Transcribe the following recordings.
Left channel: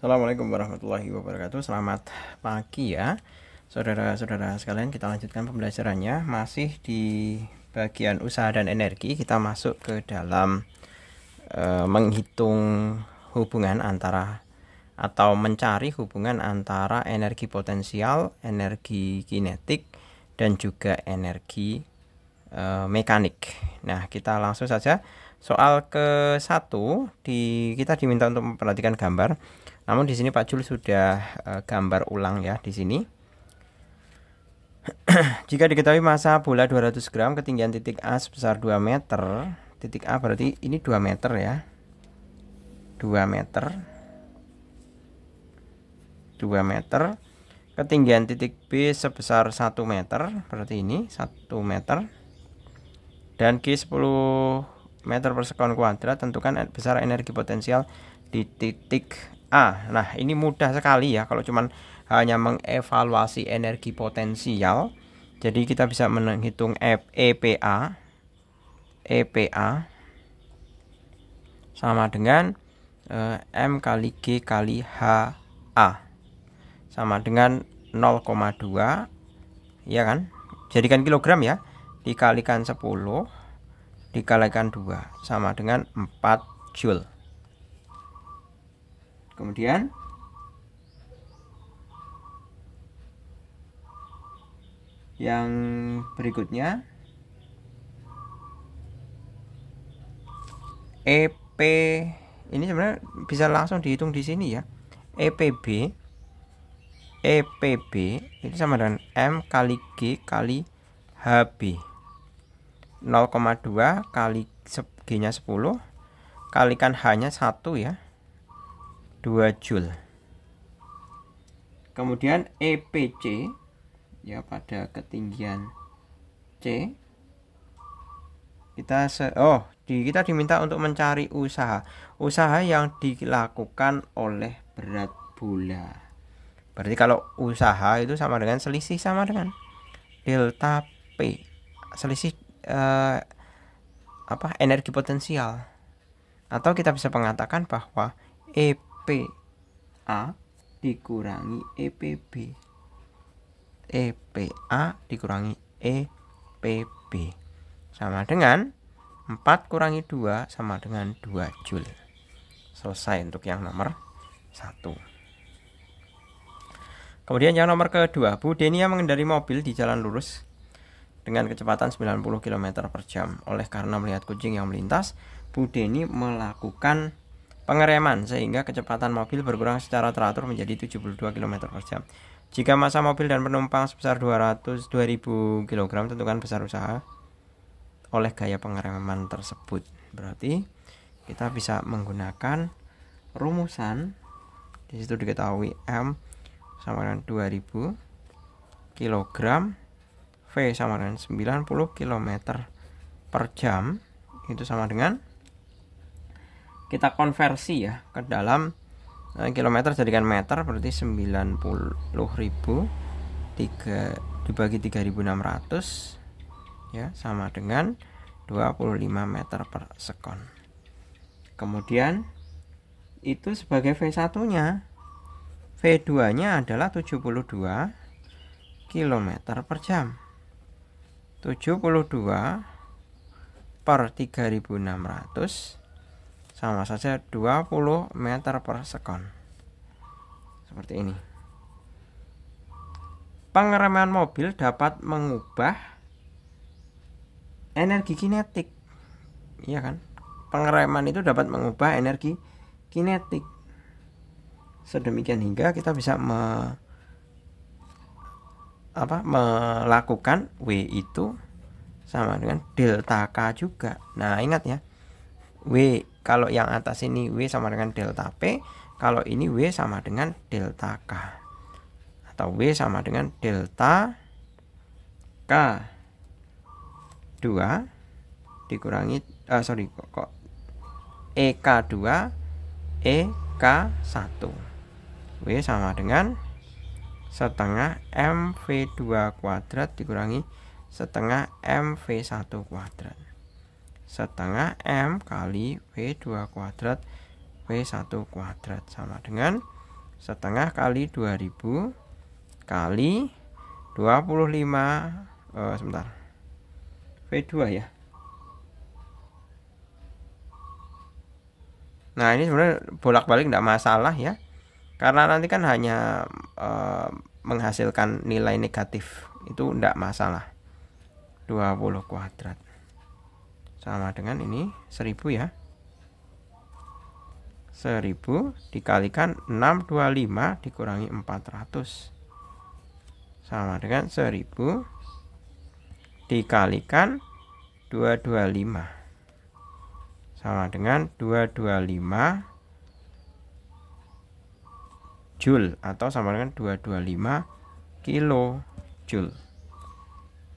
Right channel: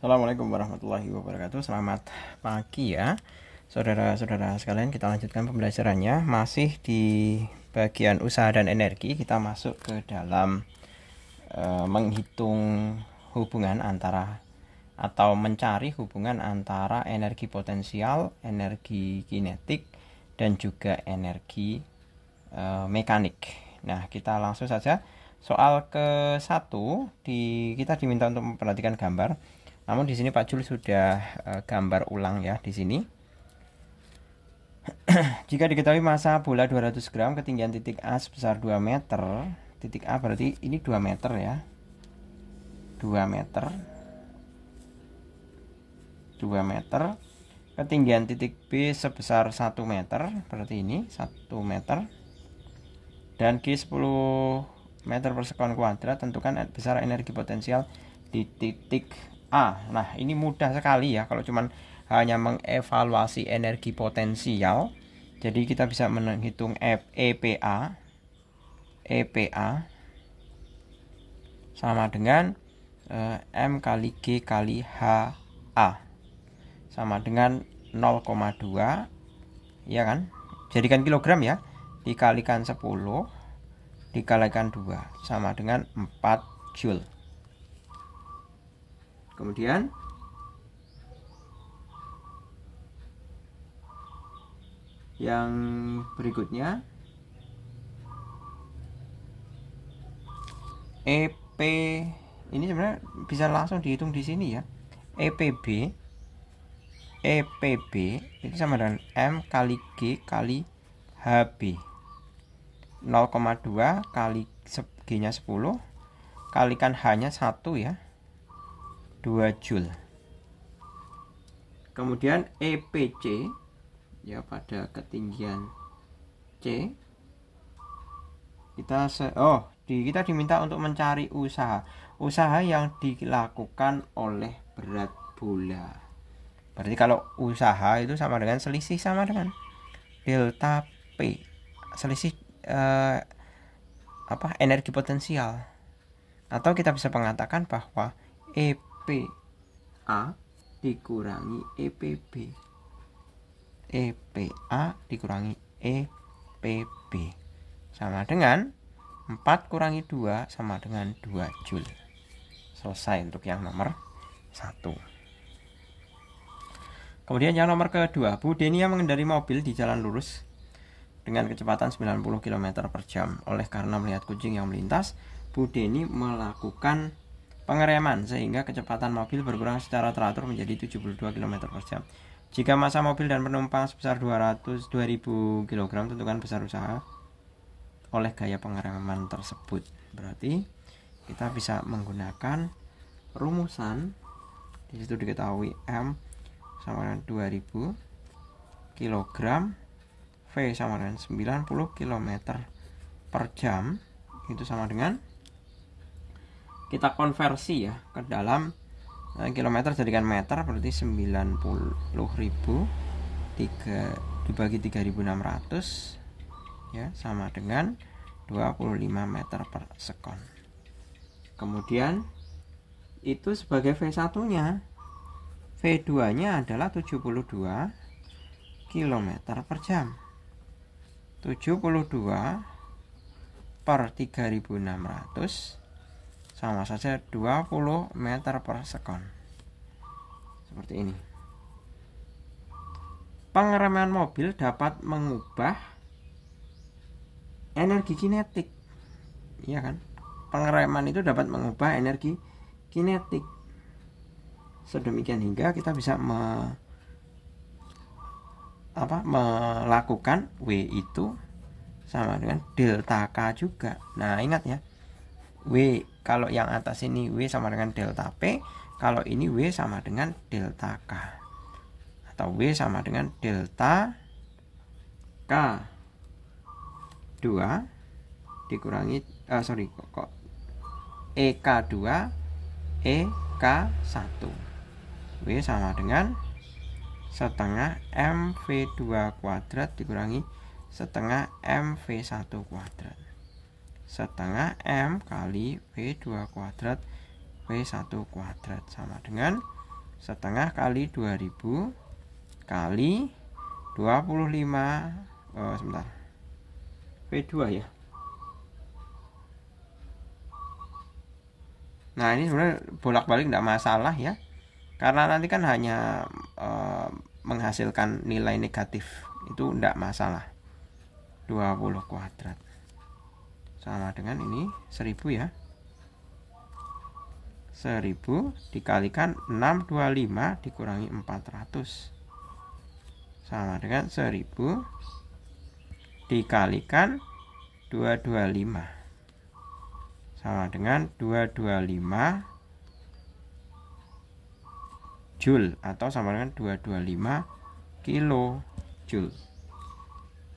Assalamualaikum warahmatullahi wabarakatuh. Selamat pagi ya saudara-saudara sekalian. Kita lanjutkan pembelajarannya. Masih di bagian usaha dan energi. Kita masuk ke dalam menghitung hubungan antara atau mencari hubungan antara energi potensial, energi kinetik, dan juga energi mekanik. Nah, kita langsung saja. Soal ke-1 kita diminta untuk memperhatikan gambar. Namun di sini Pak Jul sudah gambar ulang ya di sini. Jika diketahui massa bola 200 gram, ketinggian titik A sebesar 2 meter. Titik A berarti ini 2 meter ya. 2 meter. 2 meter. Ketinggian titik B sebesar 1 meter, berarti ini 1 meter. Dan G 10 meter per sekon kuadrat. Tentukan besar energi potensial di titik A. Nah, ini mudah sekali ya kalau cuman hanya mengevaluasi energi potensial. Jadi kita bisa menghitung EPA sama dengan M kali G kali HA sama dengan 0,2 ya kan? Jadikan kilogram ya, dikalikan 10 dikalikan 2 sama dengan 4 Joule. Kemudian yang berikutnya EP ini sebenarnya bisa langsung dihitung di sini ya. EPB itu sama dengan M kali G kali HB. 0,2 kali G nya 10 kalikan H nya 1 ya, 2 Joule. Kemudian EPC ya, pada ketinggian C kita diminta untuk mencari usaha yang dilakukan oleh berat bola. Berarti kalau usaha itu sama dengan selisih sama dengan delta P, selisih energi potensial. Atau kita bisa mengatakan bahwa EPA dikurangi EPB. EPA dikurangi EPB sama dengan 4 kurangi 2 sama dengan 2 Joule. Selesai untuk yang nomor 1. Kemudian yang nomor kedua, Bu Denia mengendarai mobil di jalan lurus dengan kecepatan 90 km per jam. Oleh karena melihat kucing yang melintas, Bu Deni melakukan pengereman sehingga kecepatan mobil berkurang secara teratur menjadi 72 km per jam. Jika massa mobil dan penumpang sebesar 2000 kg, tentukan besar usaha oleh gaya pengereman tersebut. Berarti kita bisa menggunakan rumusan. Di situ diketahui M sama dengan 2000 kg, V sama dengan 90 km per jam. Itu sama dengan, kita konversi ya ke dalam kilometer jadikan meter, berarti 90.000 dibagi 3.600 ya, sama dengan 25 meter per sekon. Kemudian itu sebagai V1 nya, V2 nya adalah 72 km per jam. 72 per 3.600 sama saja 20 meter per sekon. Seperti ini. Pengereman mobil dapat mengubah energi kinetik. Iya kan? Pengereman itu dapat mengubah energi kinetik. Sedemikian hingga kita bisa melakukan W itu sama dengan delta K juga. Nah, ingat ya. W kalau yang atas ini W sama dengan delta P, kalau ini W sama dengan delta K. Atau W sama dengan delta K2 dikurangi EK2 EK1. W sama dengan setengah MV2 kuadrat dikurangi setengah MV1 kuadrat. Setengah M kali V2 kuadrat V1 kuadrat sama dengan setengah kali 2000 kali 25 sebentar, V2 ya. Nah ini sebenarnya bolak-balik tidak masalah ya, karena nanti kan hanya menghasilkan nilai negatif, itu tidak masalah. 20 kuadrat sama dengan ini 1000 ya. 1000 dikalikan 625 dikurangi 400 sama dengan 1000 dikalikan 225 sama dengan 225 Joule atau sama dengan 225 kilojoule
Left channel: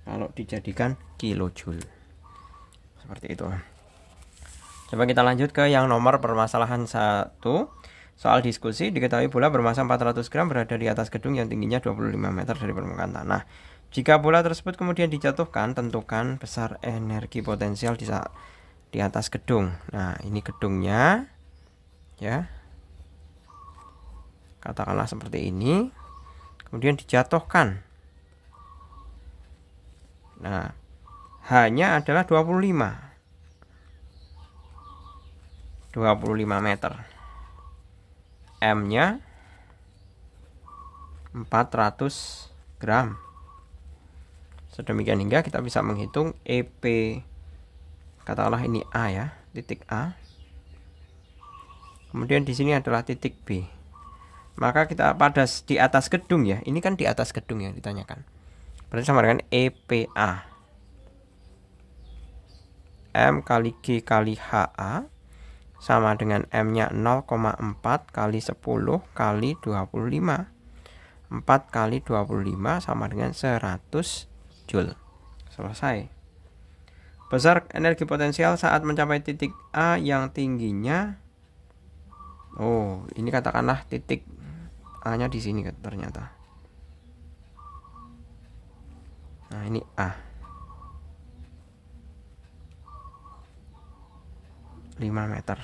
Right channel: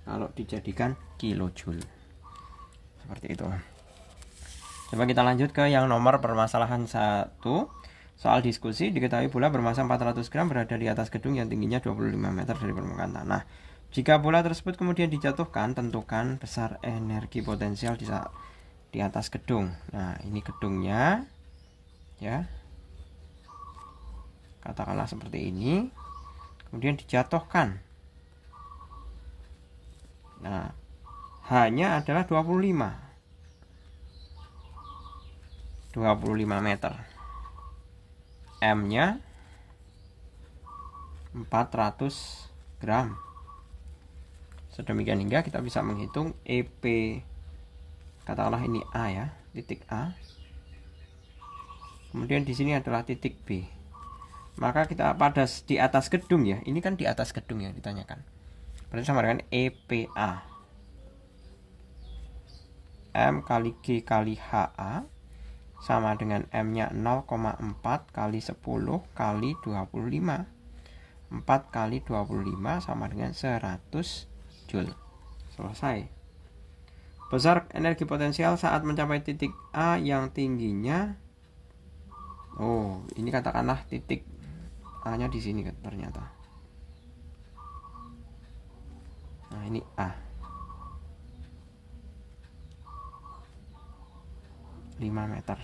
kalau dijadikan kilojoule. Seperti itu. Coba kita lanjut ke yang nomor permasalahan 1. Soal diskusi, diketahui bola bermasa 400 gram berada di atas gedung yang tingginya 25 meter dari permukaan tanah. Jika bola tersebut kemudian dijatuhkan, tentukan besar energi potensial di atas gedung. Nah, ini gedungnya ya. Katakanlah seperti ini. Kemudian dijatuhkan. Nah, hanya adalah 25 meter. M-nya 400 gram. Sedemikian hingga kita bisa menghitung EP. Katakanlah ini A ya, titik A. Kemudian di sini adalah titik B. Maka kita pada di atas gedung ya. Ini kan di atas gedung yang ditanyakan. Berarti sama dengan EPA. M kali G kali HA sama dengan M-nya 0,4 kali 10 kali 25. 4 kali 25 sama dengan 100 Joule. Selesai. Besar energi potensial saat mencapai titik A yang tingginya. Oh, ini katakanlah titik A-nya di sini ternyata. Nah, ini A. 5 meter.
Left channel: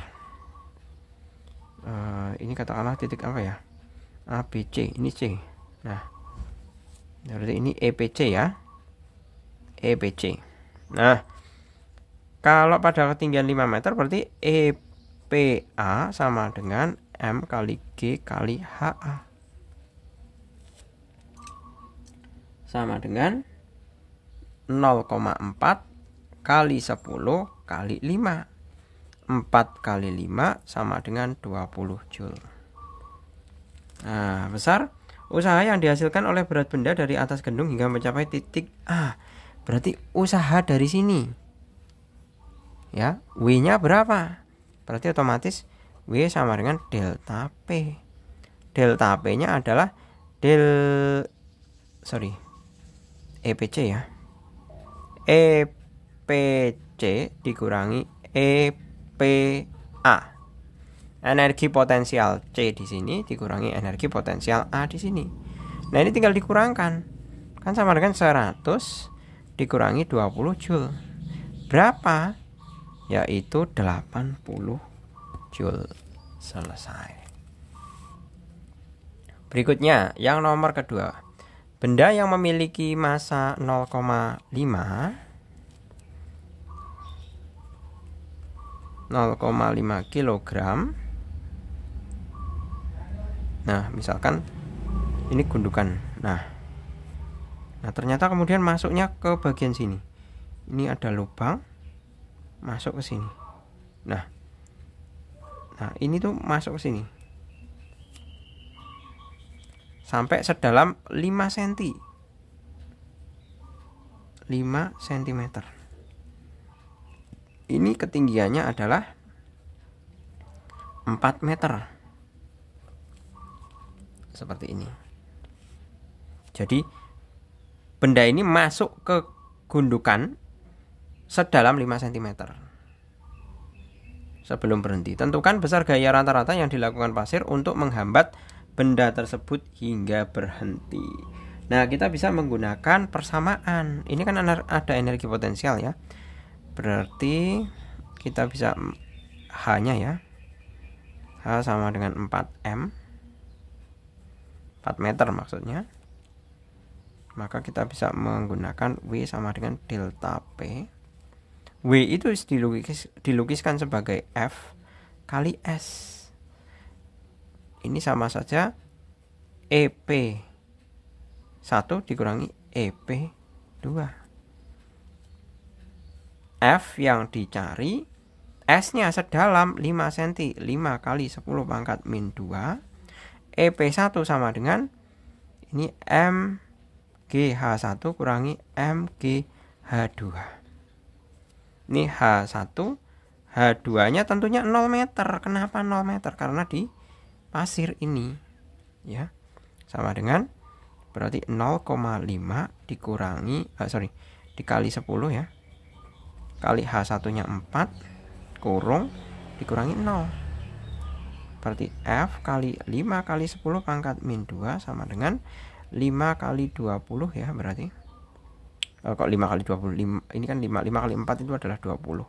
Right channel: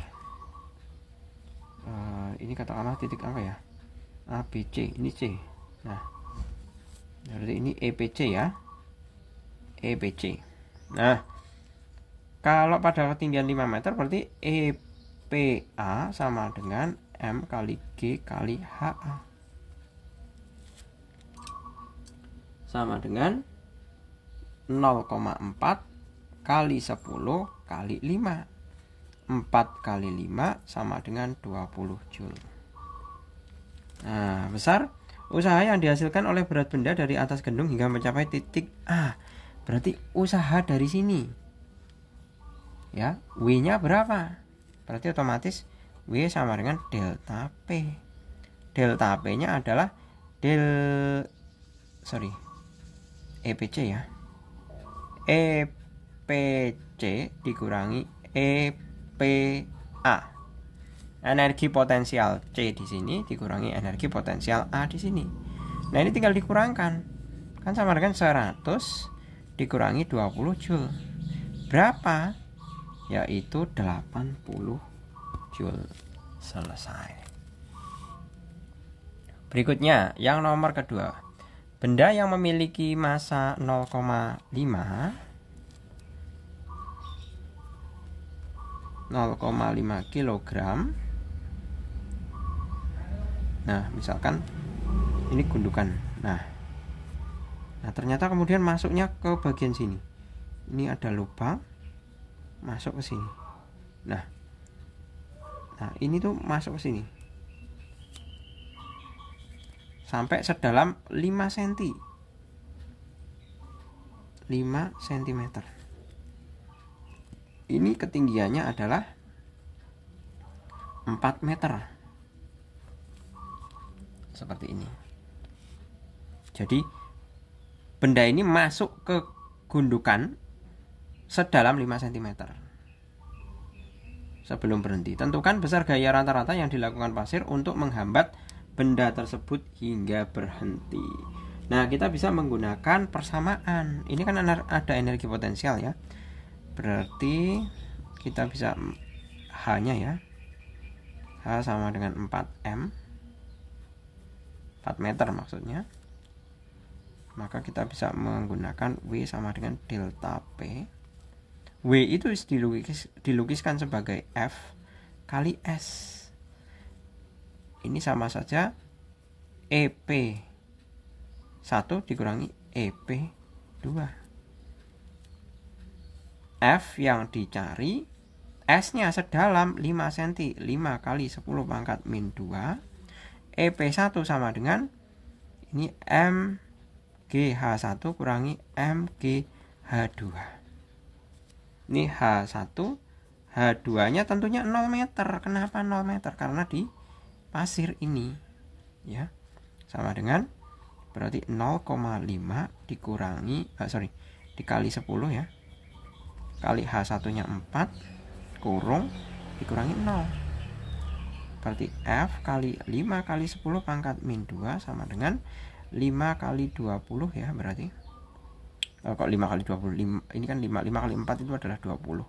Ini katakanlah titik apa ya? ABC, ini C. Nah, berarti ini EPC ya. EPC. Nah, kalau pada ketinggian 5 meter berarti EPA sama dengan M kali G kali HA. Sama dengan 0,4 kali 10 kali 5. 4 kali 5 sama dengan 20 Joule. Nah, besar usaha yang dihasilkan oleh berat benda dari atas gedung hingga mencapai titik A. Berarti usaha dari sini. Ya, W-nya berapa? Berarti otomatis W sama dengan delta P. Delta P-nya adalah EPC ya. EPC dikurangi EPA. Energi potensial C di sini dikurangi energi potensial A di sini. Nah, ini tinggal dikurangkan. Kan sama dengan 100 dikurangi 20 Joule. Berapa? Yaitu 80 Joule. Selesai. Berikutnya, yang nomor kedua. Benda yang memiliki massa 0,5 kilogram. Nah, misalkan ini gundukan. Nah, ternyata kemudian masuknya ke bagian sini. Ini ada lubang masuk ke sini. Nah, ini tuh masuk ke sini. Sampai sedalam 5 cm. 5 cm. Ini ketinggiannya adalah 4 meter. Seperti ini. Jadi benda ini masuk ke gundukan sedalam 5 cm. Sebelum berhenti, tentukan besar gaya rata-rata yang dilakukan pasir untuk menghambat benda tersebut hingga berhenti. Nah, kita bisa menggunakan persamaan. Ini kan ada energi potensial ya. Berarti kita bisa H-nya ya. H sama dengan 4M 4 meter maksudnya. Maka kita bisa menggunakan W sama dengan delta P. W itu dilukiskan sebagai F kali S. Ini sama saja EP 1 dikurangi EP 2. F yang dicari, S-nya sedalam 5 cm, 5 kali 10 pangkat min 2. EP1 sama dengan ini MGH1 kurangi MGH2. Ini H1, H2-nya tentunya 0 meter. Kenapa 0 meter? Karena di pasir ini ya. Sama dengan berarti 0,5 dikurangi dikali 10 ya. Kali H1-nya 4 kurung dikurangi 0. Berarti F kali 5 kali 10 pangkat min 2 sama dengan 5 kali 20 ya berarti. Kok 5 kali 20? Ini kan 5 kali 4 itu adalah 20.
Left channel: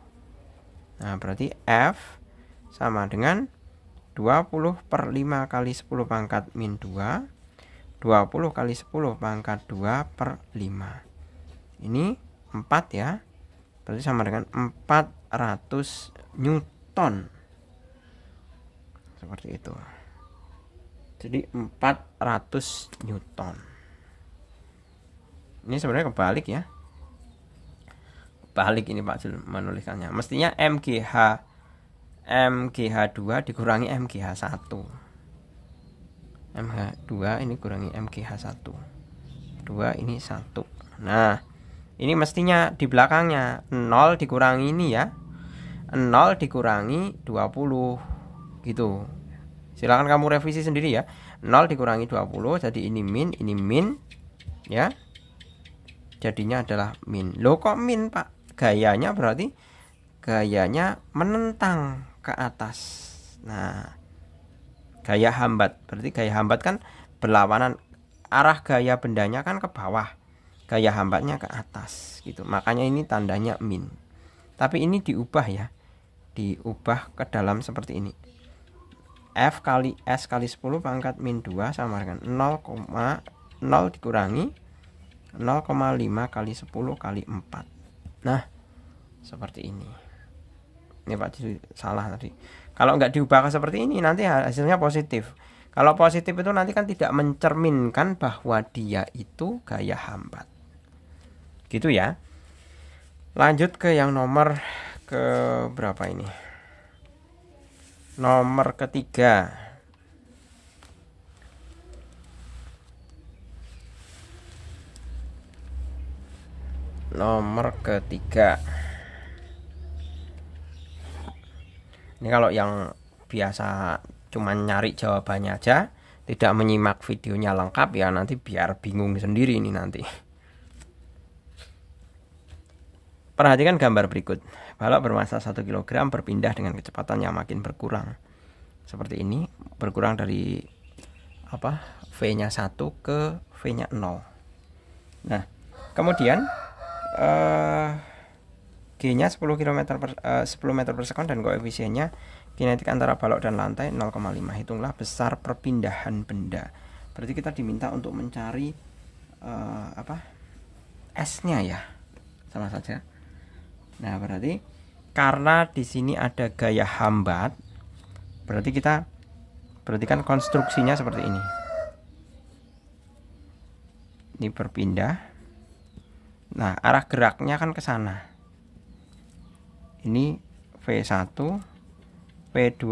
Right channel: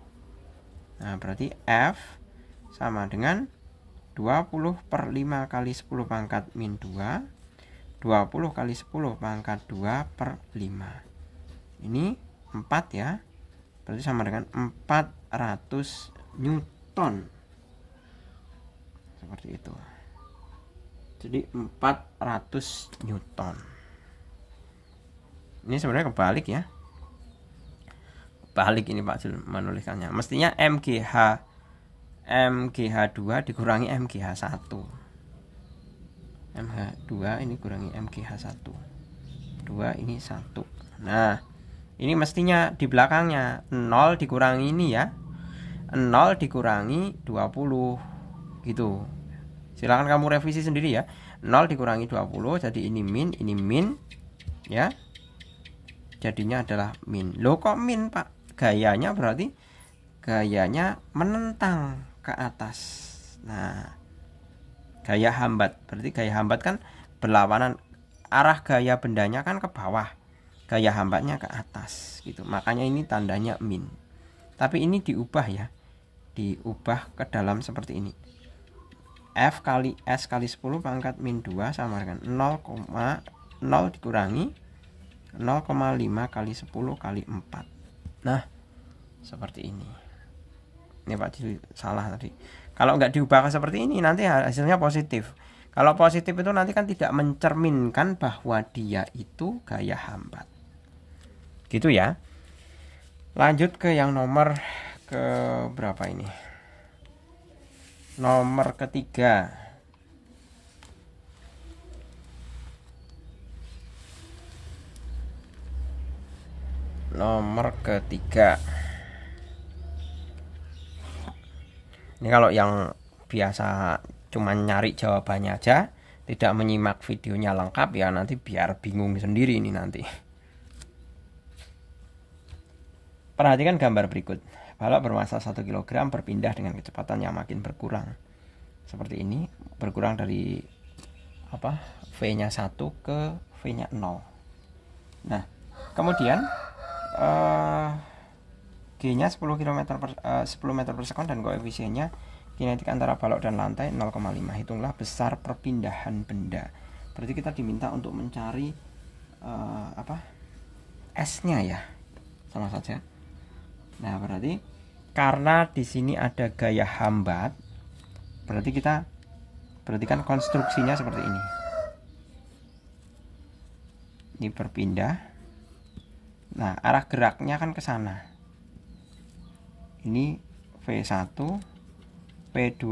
Nah, berarti F sama dengan 20 per 5 kali 10 pangkat min 2. 20 kali 10 pangkat 2 per 5. Ini 4 ya. Berarti sama dengan 400 Newton. Seperti itu. Jadi 400 Newton. Ini sebenarnya kebalik ya. Balik ini Pak Jul menuliskannya. Mestinya MGH2 dikurangi MGH1. MH2 ini kurangi MGH1. 2 ini 1. Nah, ini mestinya di belakangnya 0 dikurangi ini ya. 0 dikurangi 20 gitu. Silakan kamu revisi sendiri ya. 0 dikurangi 20 jadi ini min ya. Jadinya adalah min. Loh kok min Pak? Gayanya berarti gayanya menentang ke atas. Nah, gaya hambat. Berarti gaya hambat kan berlawanan, arah gaya bendanya kan ke bawah. Gaya hambatnya ke atas gitu. Makanya ini tandanya min. Tapi ini diubah ya. Diubah ke dalam seperti ini. F kali S kali 10 pangkat min 2 sama dengan 0,0 dikurangi 0,5 kali 10 kali 4. Nah, seperti ini. Ini Pak salah tadi. Kalau nggak diubah seperti ini nanti hasilnya positif. Kalau positif itu nanti kan tidak mencerminkan bahwa dia itu gaya hambat. Gitu ya. Lanjut ke yang nomor ke berapa ini? Nomor ketiga. Nomor ketiga. Ini kalau yang biasa cuman nyari jawabannya aja, tidak menyimak videonya lengkap ya, nanti biar bingung sendiri ini nanti. Perhatikan gambar berikut. Balok bermassa 1 kg berpindah dengan kecepatan yang makin berkurang. Seperti ini, berkurang dari V-nya 1 ke V-nya 0. Nah, kemudian G-nya 10 meter per sekon dan koefisiennya kinetik antara balok dan lantai 0,5. Hitunglah besar perpindahan benda. Berarti kita diminta untuk mencari S-nya ya. Sama saja. Nah, berarti karena di sini ada gaya hambat, berarti kan konstruksinya seperti ini. Ini berpindah. Nah, arah geraknya kan ke sana. Ini V1, V2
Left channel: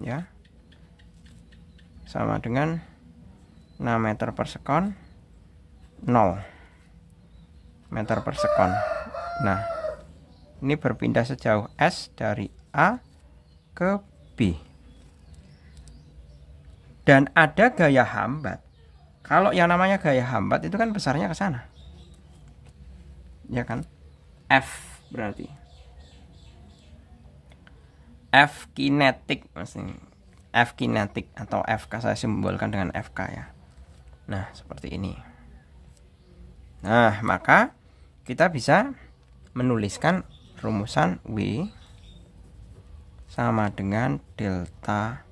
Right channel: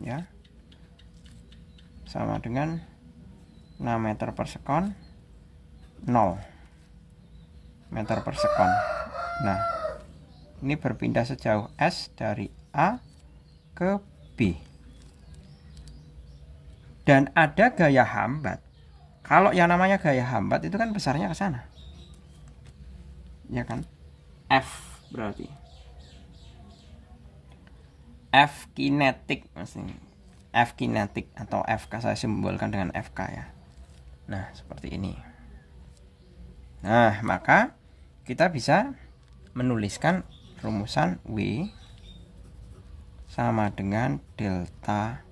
ya. Sama dengan 6 meter per sekon, 0 meter per sekon. Nah, ini berpindah sejauh S dari A ke B. Dan ada gaya hambat. Kalau yang namanya gaya hambat itu kan besarnya ke sana. Ya kan? F berarti. F kinetik maksudnya. F kinetik atau FK saya simbolkan dengan FK ya. Nah, seperti ini. Nah, maka kita bisa menuliskan rumusan W sama dengan delta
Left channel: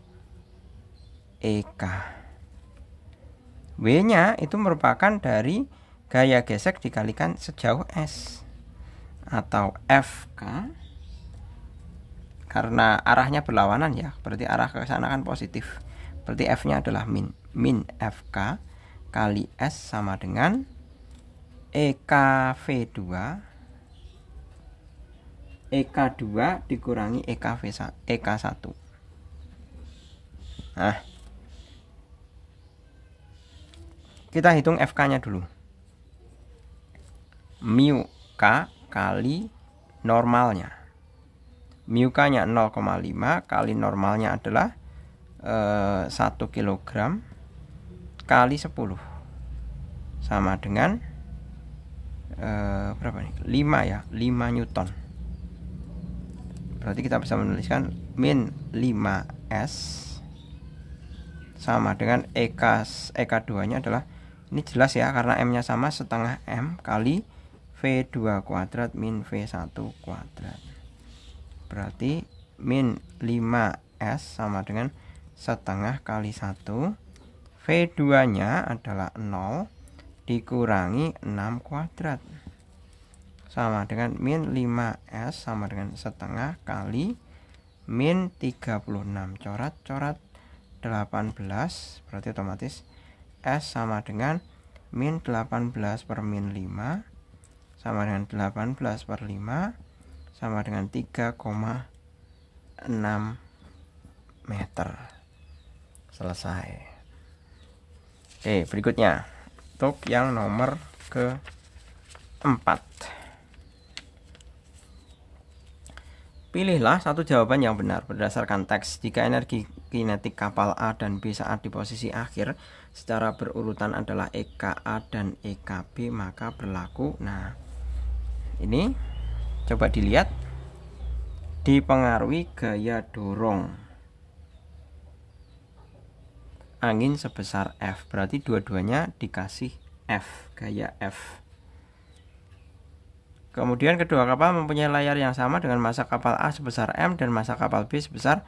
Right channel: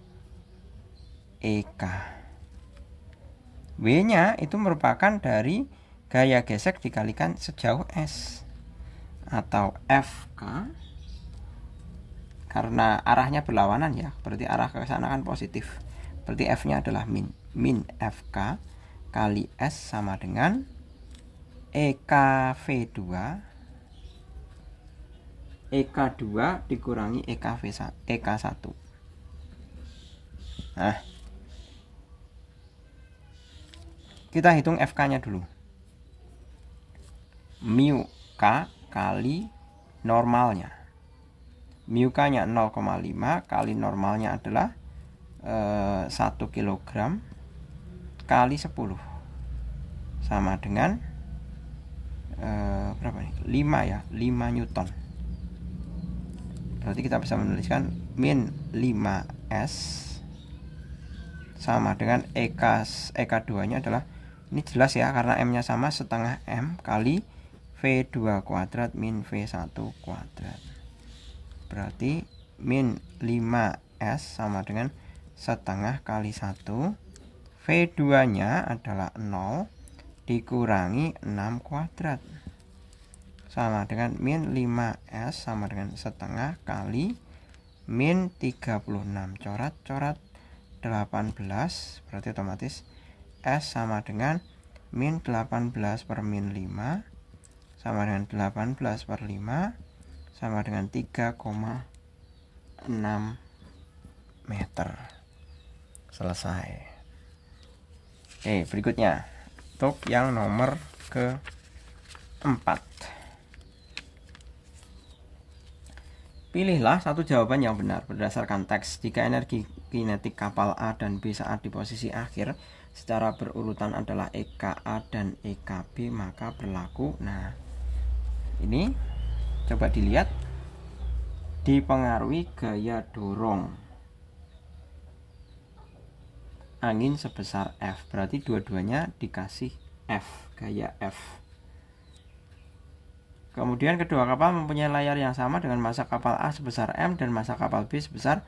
EK. W-nya itu merupakan dari gaya gesek dikalikan sejauh S, atau FK, karena arahnya berlawanan ya, berarti arah ke sana kan positif, berarti F-nya adalah min FK kali S sama dengan EKV2 dikurangi EK1. Nah, kita hitung FK-nya dulu. Mu K kali normalnya. Mu K-nya 0,5 kali normalnya adalah 1 kg kali 10 sama dengan berapa nih? 5 ya, 5 Newton. Berarti kita bisa menuliskan min 5S sama dengan EK2 nya adalah, ini jelas ya karena M nya sama, setengah M kali V2 kuadrat min V1 kuadrat. Berarti min 5S sama dengan setengah kali 1, V2 nya adalah 0 dikurangi 6 kuadrat sama dengan min 5S sama dengan setengah kali min 36 corat 18, berarti otomatis S sama dengan min 18 per min 5 sama dengan 18 per 5 sama dengan 3,6 meter. Selesai. Oke, berikutnya untuk yang nomor keempat. Pilihlah satu jawaban yang benar berdasarkan teks. Jika energi kinetik kapal A dan B saat di posisi akhir secara berurutan adalah EKA dan EKB, maka berlaku. Nah, ini coba dilihat, dipengaruhi gaya dorong angin sebesar F, berarti dua-duanya dikasih F, gaya F. Kemudian kedua kapal mempunyai layar yang sama dengan massa kapal A sebesar M dan massa kapal B sebesar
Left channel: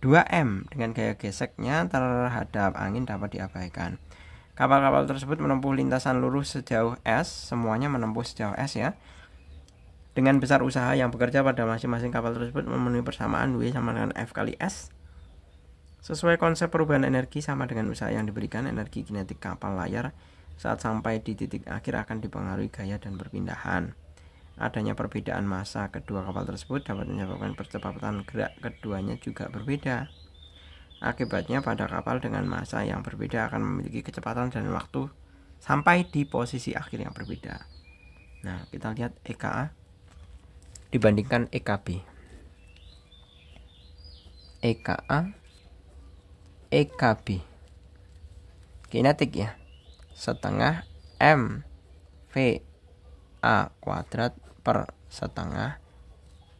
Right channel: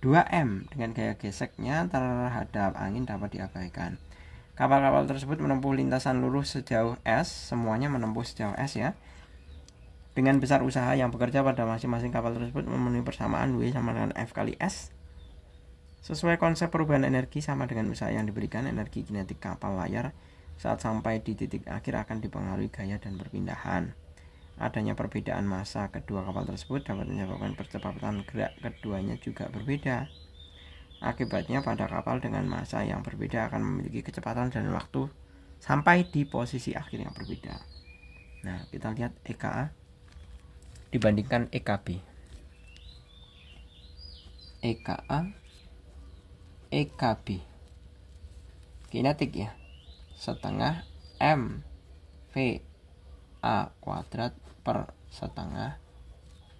2M, dengan gaya geseknya terhadap angin dapat diabaikan. Kapal-kapal tersebut menempuh lintasan lurus sejauh S, semuanya menempuh sejauh S ya. Dengan besar usaha yang bekerja pada masing-masing kapal tersebut memenuhi persamaan W sama dengan F kali S. Sesuai konsep perubahan energi sama dengan usaha yang diberikan, energi kinetik kapal layar saat sampai di titik akhir akan dipengaruhi gaya dan perpindahan. Adanya perbedaan massa kedua kapal tersebut dapat menyebabkan percepatan gerak keduanya juga berbeda. Akibatnya pada kapal dengan massa yang berbeda akan memiliki kecepatan dan waktu sampai di posisi akhir yang berbeda. Nah, kita lihat EKA dibandingkan EKB. EKA, EKB. Kinetik ya. Setengah M V A kuadrat per setengah,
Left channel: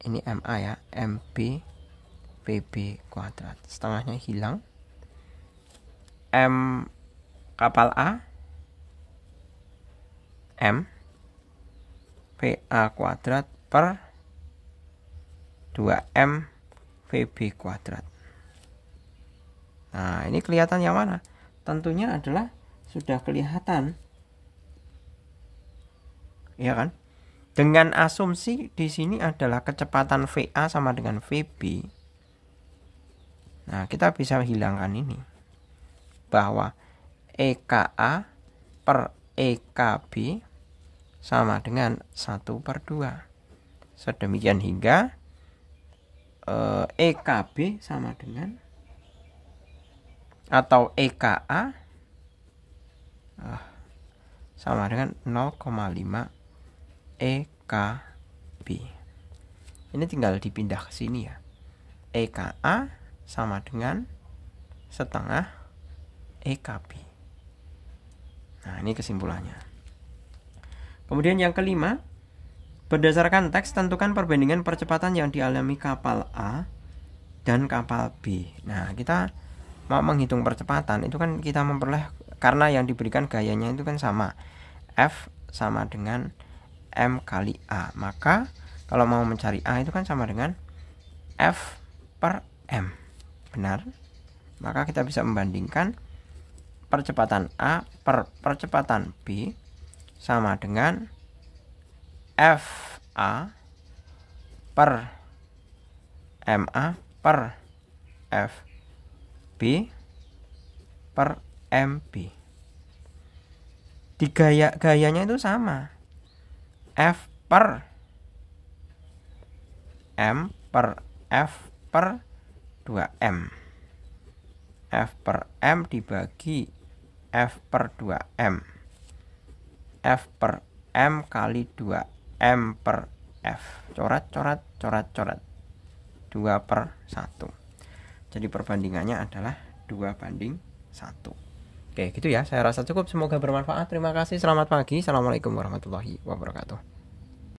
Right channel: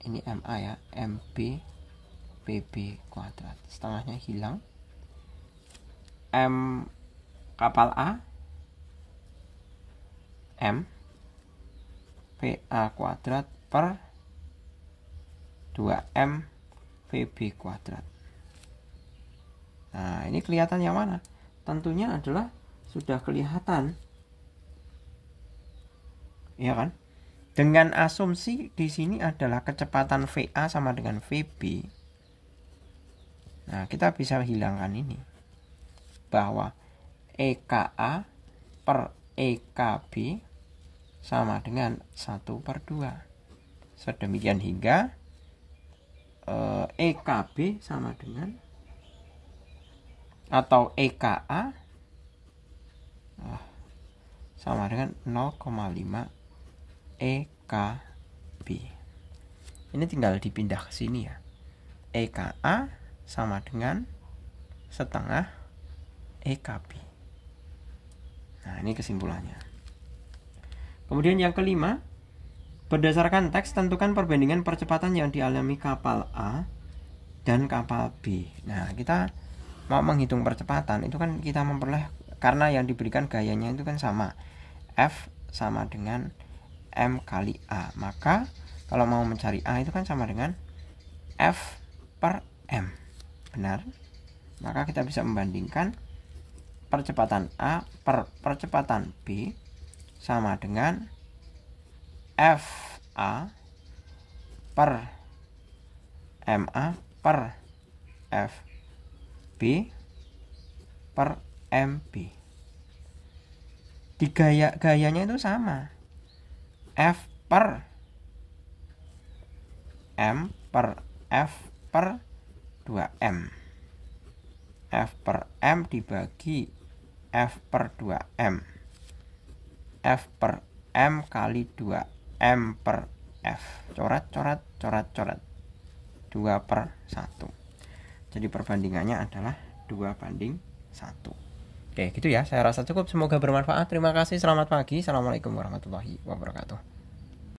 ini MA ya, MB VB kuadrat, setengahnya hilang. M kapal A, M VA kuadrat per 2M VB kuadrat. Nah, ini kelihatan yang mana? Tentunya adalah sudah kelihatan, ya kan? Dengan asumsi di sini adalah kecepatan VA sama dengan VB. Nah, kita bisa hilangkan ini, bahwa EKA per EKB sama dengan 1/2. Sedemikian hingga EKB sama dengan, atau EKA sama dengan 0,5 EKB. Ini tinggal dipindah ke sini ya. EKA sama dengan setengah EKB. Nah, ini kesimpulannya. Kemudian yang kelima, berdasarkan teks tentukan perbandingan percepatan yang dialami kapal A dan kapal B. Nah, kita mau menghitung percepatan itu kan kita memperoleh, karena yang diberikan gayanya itu kan sama, F sama dengan M kali A. Maka kalau mau mencari A itu kan sama dengan F per M. Benar? Maka kita bisa membandingkan percepatan A per percepatan B sama dengan FA per MA per FB per MB. Di gayanya itu sama. F per M per F per 2M. F per M dibagi F per 2M. F per M kali 2M per F. Coret, coret, coret, coret. 2 per 1. Jadi perbandingannya adalah 2:1. Oke, gitu ya. Saya rasa cukup. Semoga bermanfaat. Terima kasih. Selamat pagi. Assalamualaikum warahmatullahi wabarakatuh.